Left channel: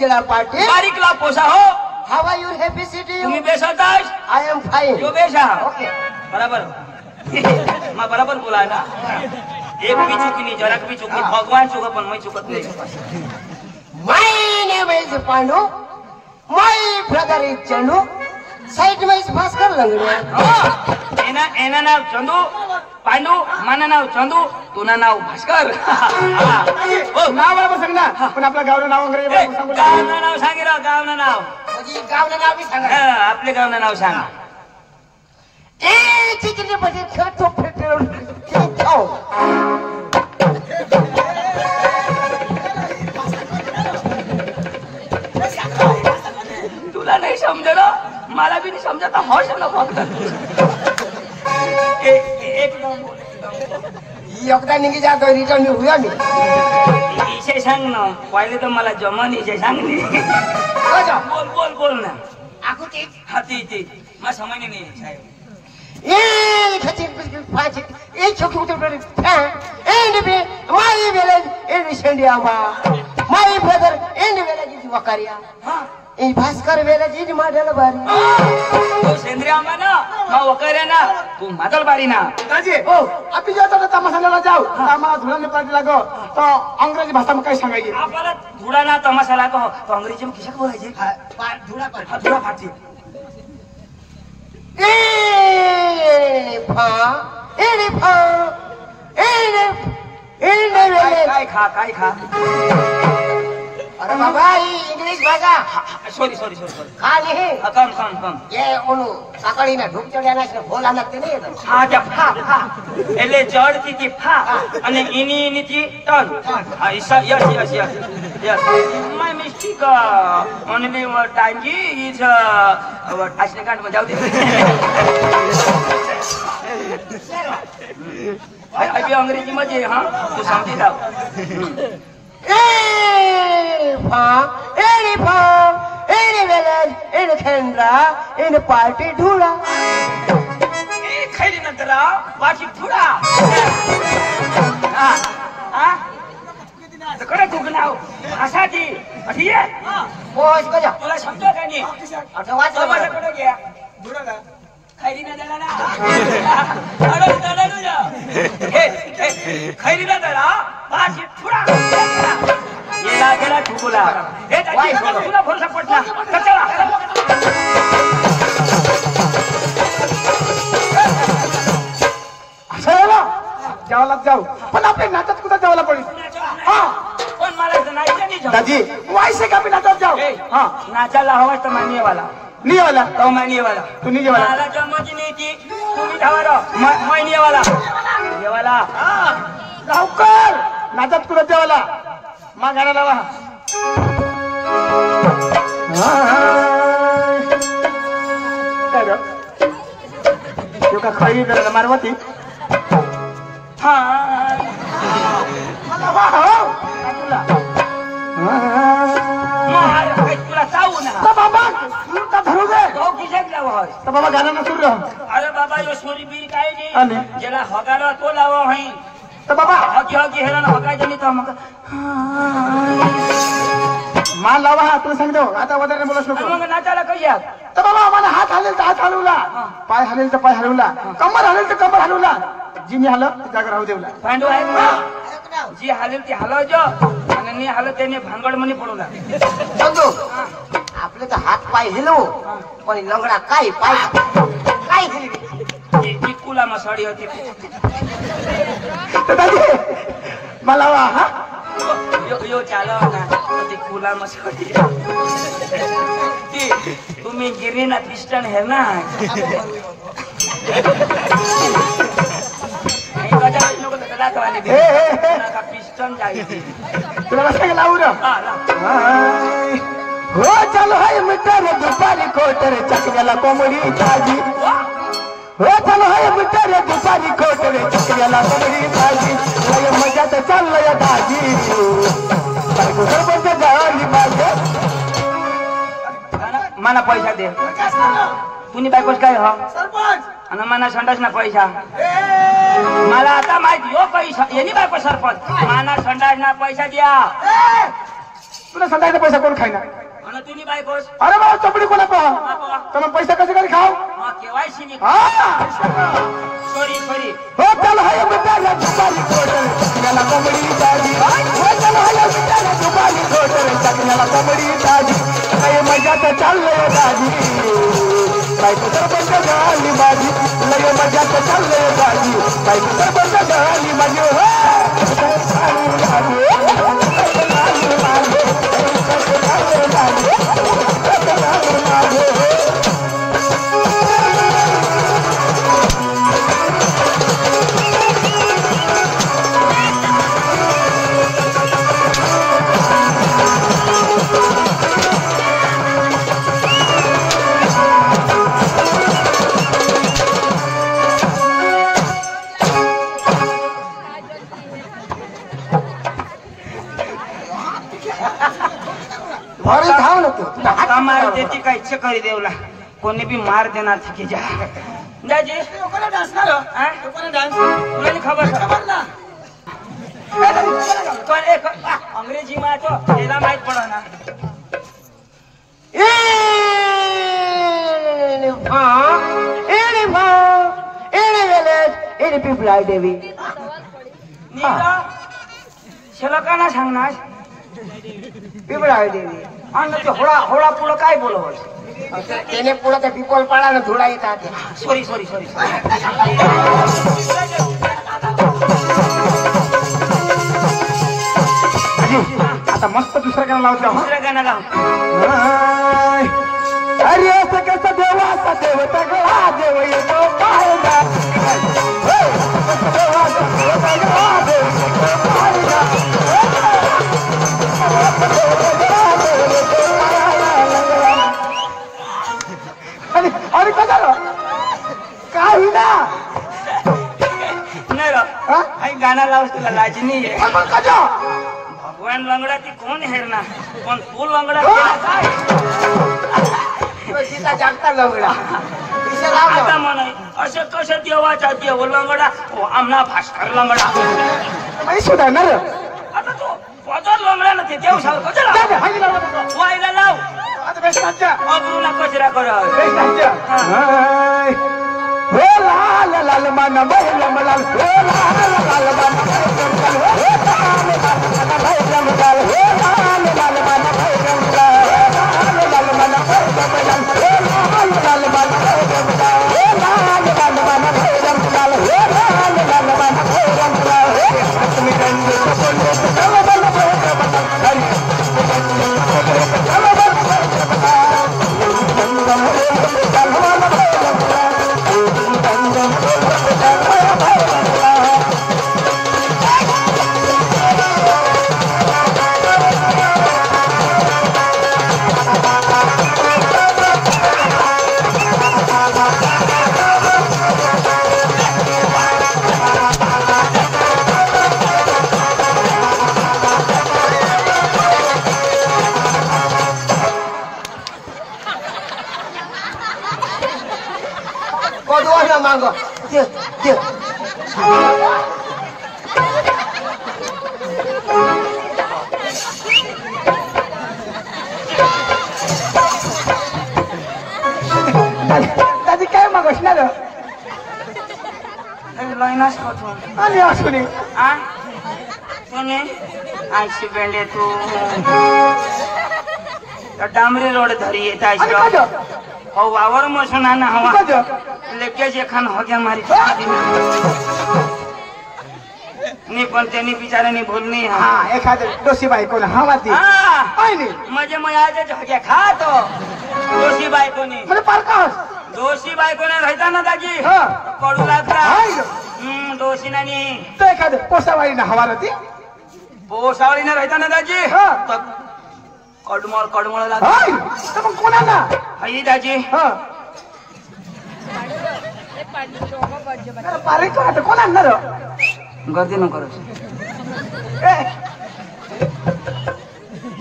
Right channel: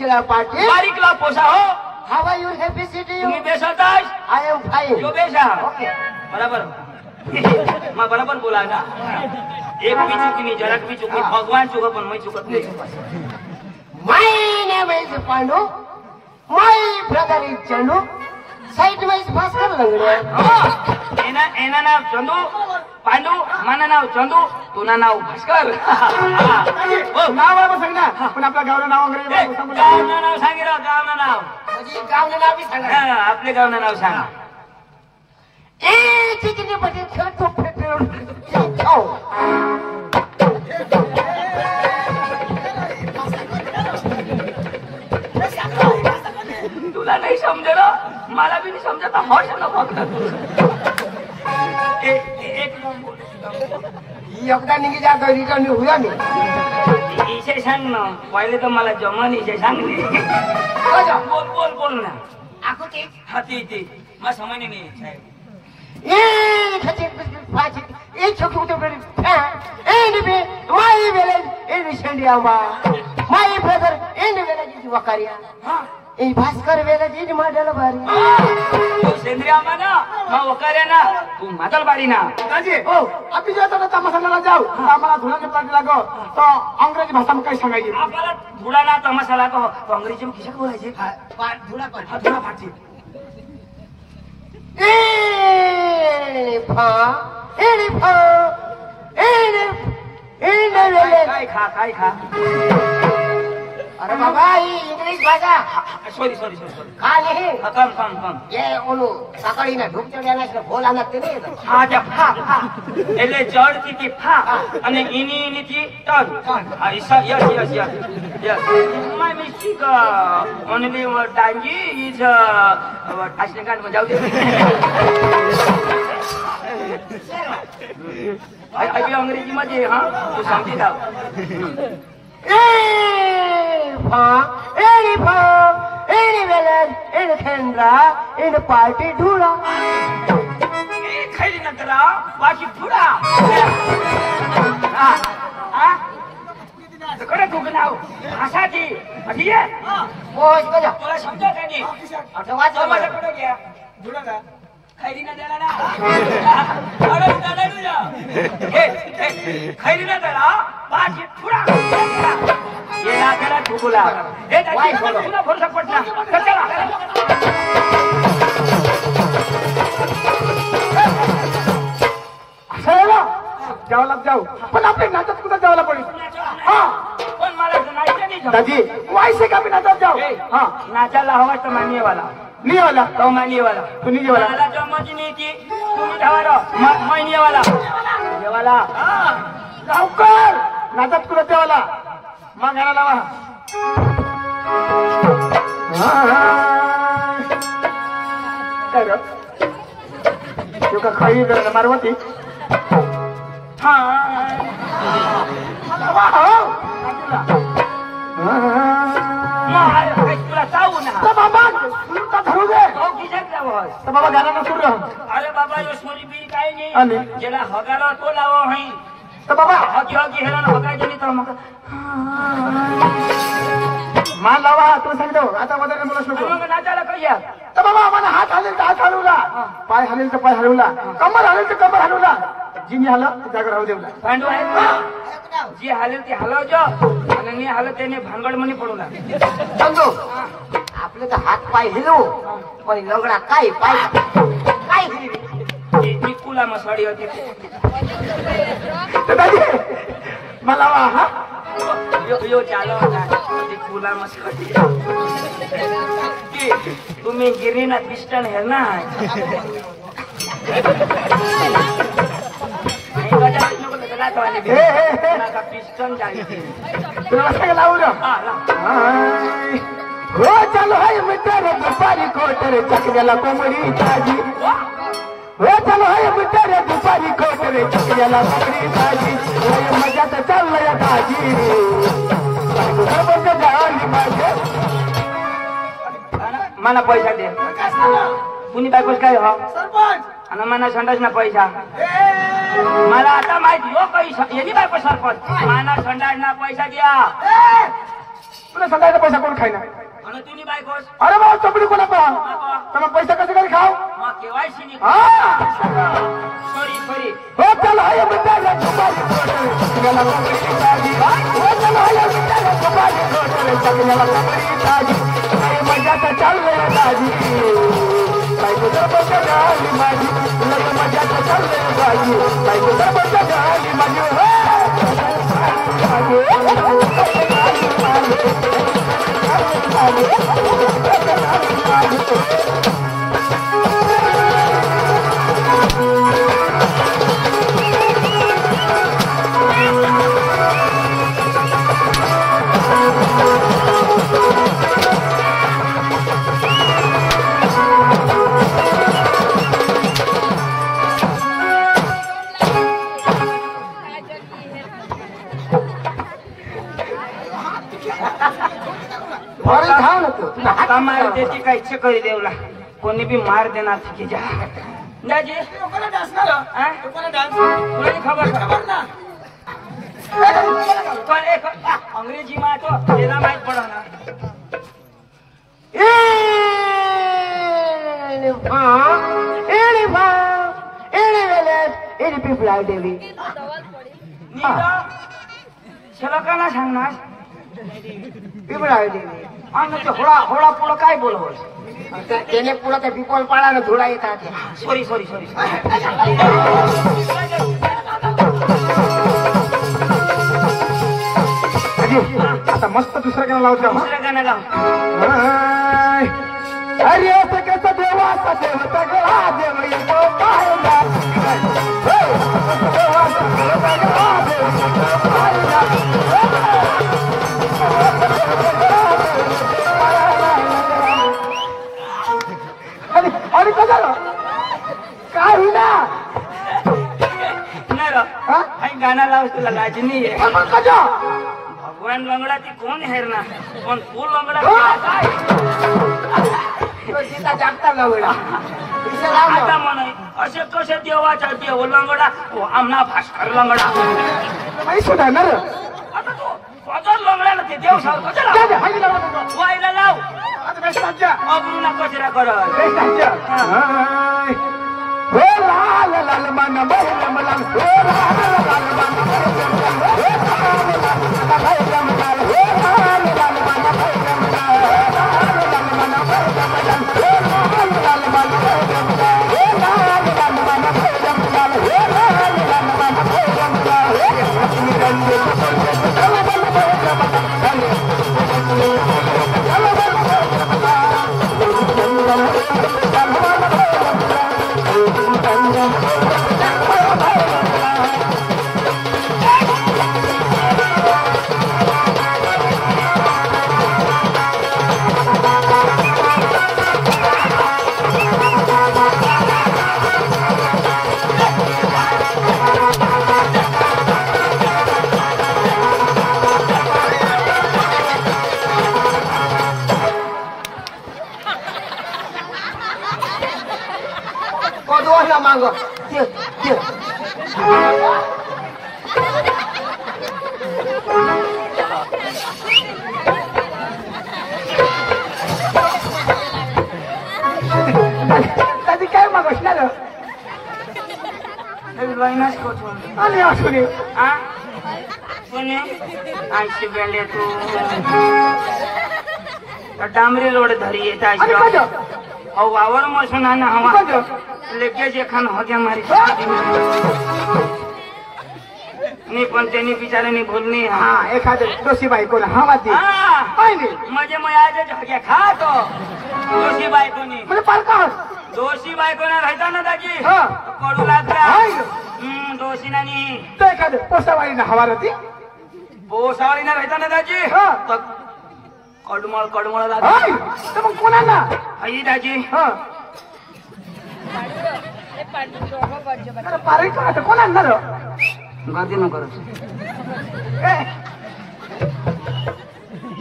चला पाटील बारीकला पोसा हो हाउ आर यू हॅपी सिटी तुम्ही बेस होतास आय एम फाइन जो बेसा ओके बराबर मैं बराबर बोला ना एक भी चुकी नहीं जरा भी चुकी भगवान चुका पण मैं चुकत नहीं My name is Pandu. My brother is Chandu. Side में इस भास्कर लंगड़े एना नाव चंदू पांडू माना नाव चंदू तुना नाव भास्कर नाव बरोबर सांगना पण आपल्या गावचं नाव अंग्रेजी सांगू गावना नाव सांगे राव गावना नाव म्हणजे गावना नाव बी सांगा आपले गावना नाव सांगा ए चिकनी बजे खेळतो फेटलो तुला नाही समजलं मला भी नहीं समझता हौश ना फक्त एक योगदान निघी जातो रिटर्न हुआ मी इसे सांग ना पहिले तर मला जमन इसे सांग नी बोल बोल बोल ना आको ते हाती ते मैं समझ नहीं साहेब ए खचिक फाची ए छोकी उतर पडे ए बी माय विलेज इन संडियामा my brother in village is वकारिया ए भास्कर विलेज इज मॉडल बारी तो सेंद्रिया माना मैं वकारिया ना तू मॉडल बारी ना दाजी ओ अभी जाता तो तमाशाला जाऊ आम्हाला धुळाने पाठी लागो तो अंग्रेजी भाषा में काय सांगायची आपल्याला धुळा ना तमाशा लागो तो अंग्रेजी में किशा बोलायचे धुळा पाठी धुळा फाटी ए फा ए फा ए काय खा काय खा अरे बाबा इंग्लिश भाषा सॉरी सॉरी सॉरी खा नहीं कम ये ओनु सकाळी ना ढुक चढ्याना से बोला नक्की नाही हा त्या फा એટલે જડ થી ફા અને ઇની થી ટન હા યસ માય મિસ્ટેક ઓનલી વોર ટાઈમ જી ઇઝ આશને કાંડ માં જાવ દે અભી અંગ્રેજી માં જે હા તું સમજી જાવ ए फा ए वेलन इन खेंद्रा इन पार्टी ढूंढा એ ખરી નતરા બાકી ફુડા હા કડે કુગનાવ આસાજી અઠીએ पोच बजा तुला समजा काय नाही आता वाच તમારે કડે ગયા धुळाला खैरी ना देला ना अरे दादा तुझा खैरी ना देला पाच फुडा ये लागला ठुकुला हे त्याची तुला फोन सपोर्ट ना चला चला जेवायला जाऊ पण आपले नाटक कुठं जेवायला पडेल पण मला नाचायचं नाही दाजी वायसे का नाटक जाऊ हा नाचायला हवा तर मान्य वाला नहीं वाला तो मान्य वाला तू नहीं वाला मला जमत नाही ती तुम्ही धावा मान्य वाला जेवाला लवकर नाटक कुठं जेवायला मग घाला लावा का खाई मारवती हा तुला चावू ना धरू दे बाबा गाना नसू अरे बाबा यो सोरी बीर काय आली. नाही ज्याला हगारा तो लावो हई तर बाबा हकी हकी हेरान हगायचं नाही तर मग मान लावा तुला सांगतो आता वगैरे बोलू नको मग नाचायला कशा तर बाबा मला हात हलेल तर हात हलवला पाय हलेल तर पाय हलवला कमर हलेल तर कमर हलवला जिनी हलव त्या जागा राहू देवला भांडू आहे का जी हालेल ती हलवજો आणि मी हालत त्याने भांगड मनी पडवला समजो आपले तर हात पाय हिलवू पण लंगडा काय पाय ती कुला मसाडी होती तर दादी मला वा हा यो चालव ना ती कुला मसाडी ती तुम्ही गिरीना ख्रिस्टन हे ना पिस्टन जायची तुला कसं लावू रे हो चलो है मिटर दुपारी कोटर चकल्याला कोंबडी ताजी हो चलो है मिटर दुपारी कोटर चकल्याला कोंबडी ताजी लय मजा तर चाललंय ताजी बायको सरपंच गाडी मागे मला पैसा दे कुणी बायकोच काय हो सरपंच आणि मला संडास ना पैसा मला आता माहिती हो पैसा यांनी बायको सरपंच मला संडास ना पैसा द्या तुला संध्याचा पैसा कोण खायना आणि तुम्ही बायकोस अरे बाबा चपडी कोणा पहा तर मग पैसा कसं काय खाव हा केवायसी नी हा सॉरी हो चल हाय मिटाला दुपारी कोटल चकण्याला कोंबडी ताजी हो चल हाय मिटाला दुपारी कोटल चकण्याला कोंबडी ताजी काय मजा तर चाललंय दाजी बायको तर बंद झाली माझी लय मजा तर चाललंय दाजी बायको तर बंद झाली माझी कमाई देती काय चकरी देवला कोणी बी मार देणार की जा दाजी कोणा डान्स ना कोणा डान्स तुला खबर ना पण एक अंग्रेजी मा तो त्याला माहित पडा ना any people are Devi. शलोकाना सांगणार People are Devi. आणि ते होळा पुढं काय बोलवस त्याने पुढं त्या पिकोल पाळानं धुळा येतात सॉरी आता मस्त दुसरा गाणं लावतो दुसरं गाणं गाव अरे असं कसं देवाचा देवता गळा देव येतो पाहायला अरे कसा काय होईना नाही गाणं लावस तुला लाज नाही आहे कसा भगवान लंगडा ती कोण हेरणार पण तू लंगडा काय जागता लवडा आता म्हण असं कसं देवाचा देव लंगडा आमना भास्कर लंगडा नाही सुधारणार आता तो पदर लंगडा ना ते देव सारखं वायला लाव अब्रुना कचरा कर लाल लाल मन लाल लाल मांगो त्याची काय मग असणार लाईनाच कोठून आणि असू दे आयशी बेंडे तू डांबरी रोड धरी येत हो वावर मसून ना हवा लगेच एखान हो गया मारी नाही पण त्यांनी बिचाराने बोलणी हा एखादं दोषी बायको ना हा वादी म्हणजे मग आज झोक्या खातो दोषी बायकोनी दोषी बायकोने राहता ना दाजी पडू लागला दोषी नानी तर एखादं पोसावाळी ना हवा होती पोसावळीने राहता ना दाजी कडमळ कडमळ लागत मग कोणाला आई दाजी कोण आणणार गर्दी नको करू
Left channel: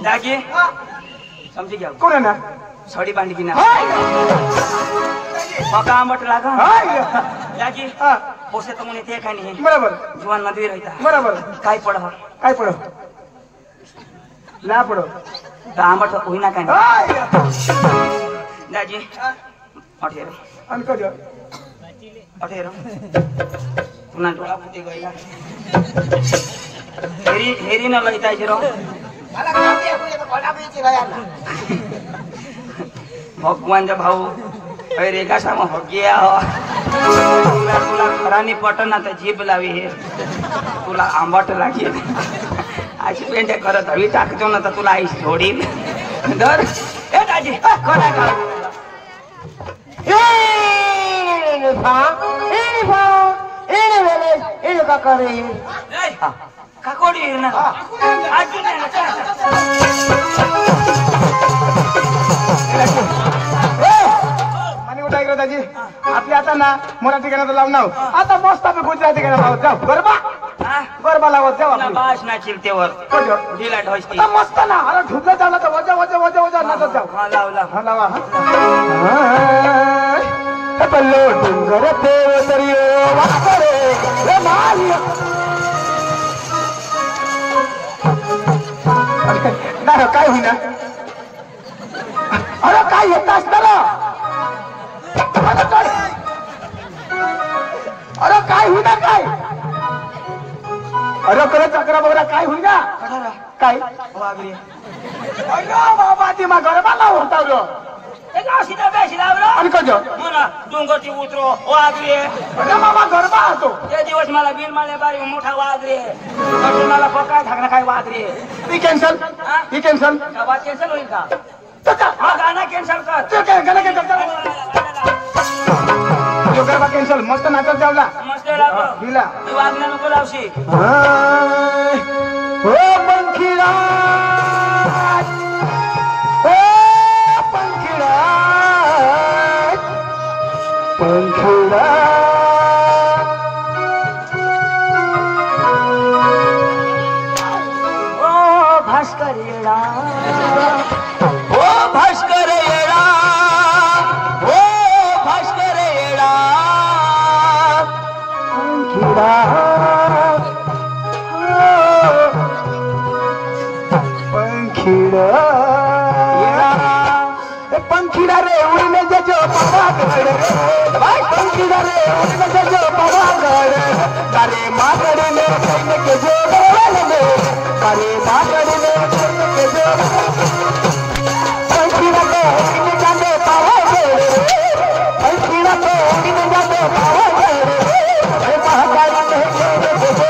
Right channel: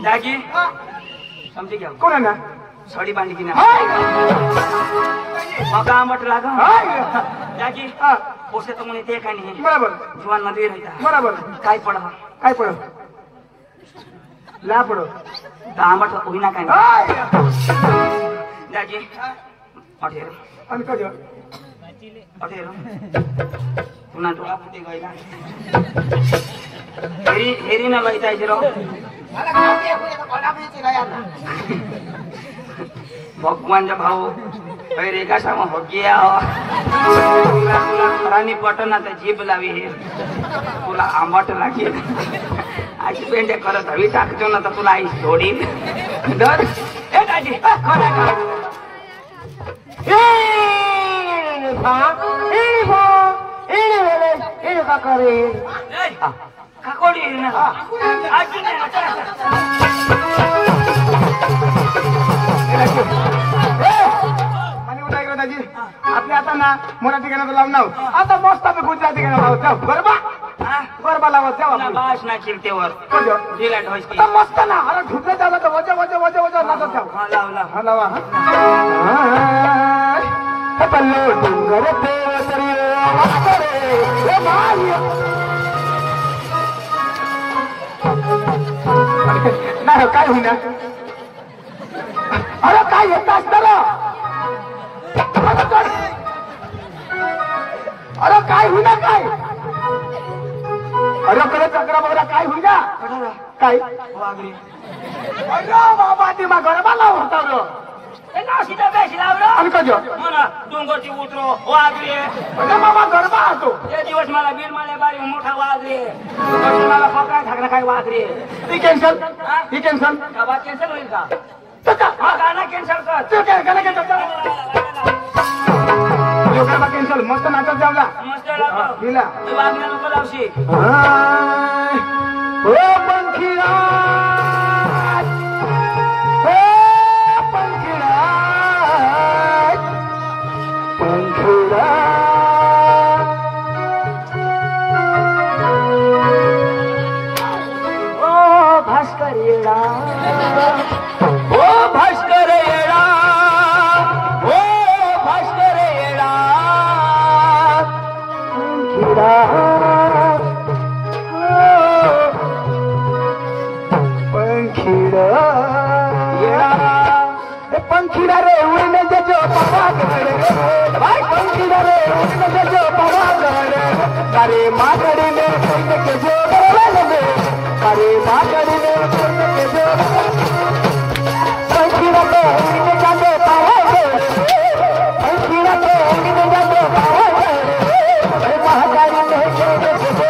दाजी समजी घ्या कोण आणणार साडी बांधी की ना मका आंबट लागा दाजी पोसे तर म्हणे ते काय नाही बरोबर जुवान नदी राहता बरोबर काय पड ला पडो आंबट होईना काय हाय दाजी अठेर आणि कधी अठेर पुन्हा डोळा फुटे गईला हेरी न लईता र मला काम ते कुठे तर कोणा बीची गया भगवानचा भाऊ अरे कशामा हग्या तुला तुला खरानी पटना तर जीभ लावी हे तुला आंबट लागेल अशी पेंटे करत हवी टाकतो ना तर तुला आई सोडील दर ए दाजी खरा का का करे काकोडी ना अजून आणि उठा इकडे दाजी आपली आता ना मराठी गाणं लावून नाव आता मस्त आपण गुजराती गाणं लावत जाऊ गरबा गरबा लावत जाऊ आपण बास ना चिलतेवर कधी ढिला ढोसती आता मस्त ना अरे ढुकत जाऊ तर वजा वजा वजा वजा नाचत जाऊ हा लावला हा लावा कपल्ले डोंगर देवतरियो वाकरे हे मारियो नाही काय होईना अरे काय येत असणार अरे काय होईना काय अरे खरं चक्रा बघा काय होईना काय अरे बाबा ती मग गरबाला होता सीधा बेसी लावला आणि कजो म्हणा डोंगरची उतरो वाघरे अरे बाबा गरबा होतो ते दिवस मला बीड मला बारी मोठा वाघरे मला पक्का ठाकरा काय वाघरे ती कॅन्सल ती कॅन्सल आवाज कॅन्सल होईल का त्याचा हा गाणं कॅन्सल कर ते काय गाणं कॅन्सल गरबा कॅन्सल मस्त नाचत जावला मस्त लावलं दिला तू वाघण्या नको लावशी ओ पंखीरा पंखीरा ओ भास्कर येडा ओ भास्कर येडा ओ भास्कर येडा पंखीरा पंखीरा पंखीरा रे उड़ने जो पवागढ़ पंखीरा रे उड़ने जो पवागढ़ तारे मागड़ी में कहीं के जो बल में तारे मागड़ी में कहीं के जो पंखीरा को उड़ने जाते पवागढ़ पंखीरा को उड़ने जाते पवागढ़ महाकाली में कहीं के जो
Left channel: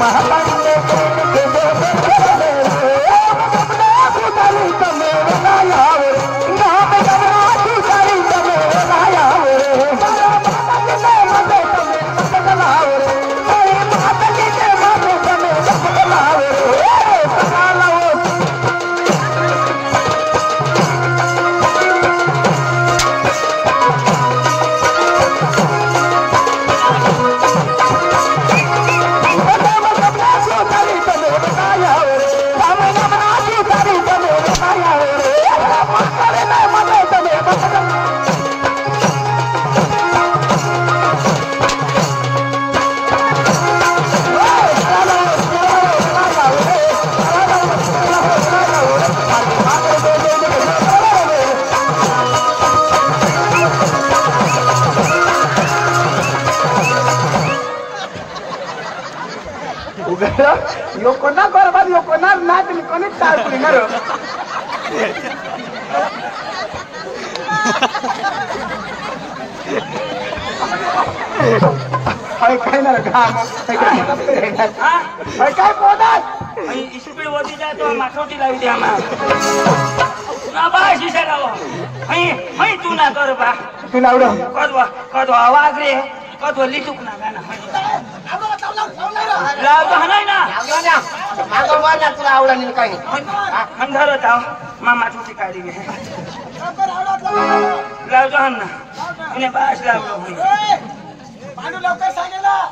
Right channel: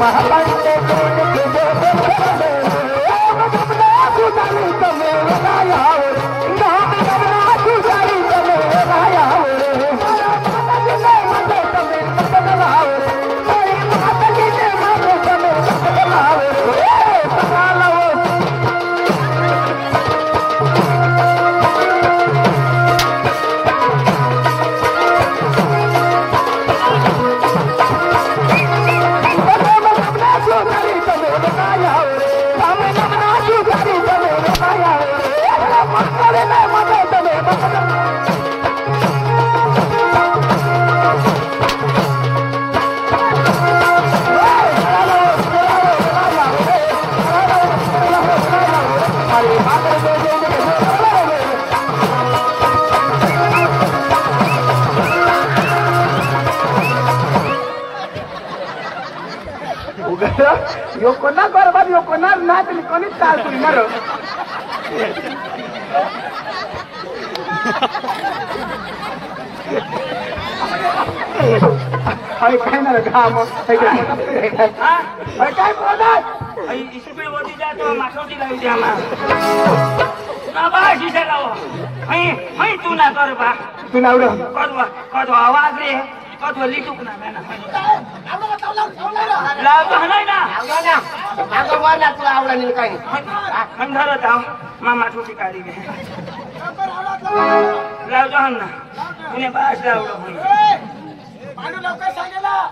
महाकाली में कहीं के जो यो कोणा बरोबर यो कोणा नाचली कोणीच चालली ना अरे काय ना घाम काय बोलत स्पीड वरती जातो माथोटी लावी द्या ना बाश इशा लाव हई तू ना कर बा तू लावडं कदवा आवाज रे कदवा लिटूक ना लावतो हनाय ना तुला आवडला नाही काही हम धरत आहो मामा छोटी काढी घे लावतो हन ना तिने बाश लावलो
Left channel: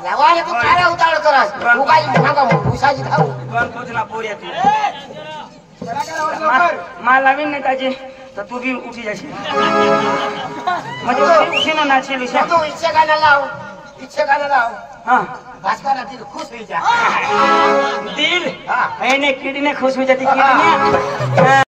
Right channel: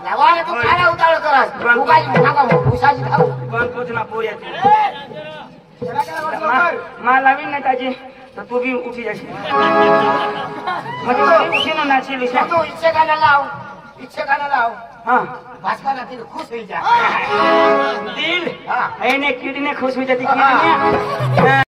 लावायला तू काय उतावळ करस तू काय नका भुसाची खाऊ गणपती ना पोऱ्या मला लावीन ना त्याची तर तू बी उठी जाशील म्हणजे उठी ना नाचेल तू इच्छा गाणं लाव इच्छा गाणं लाव हा भास्कर तिला खुश होई जा दिल हाँ। एने किडनी खुश हो जाती किडनी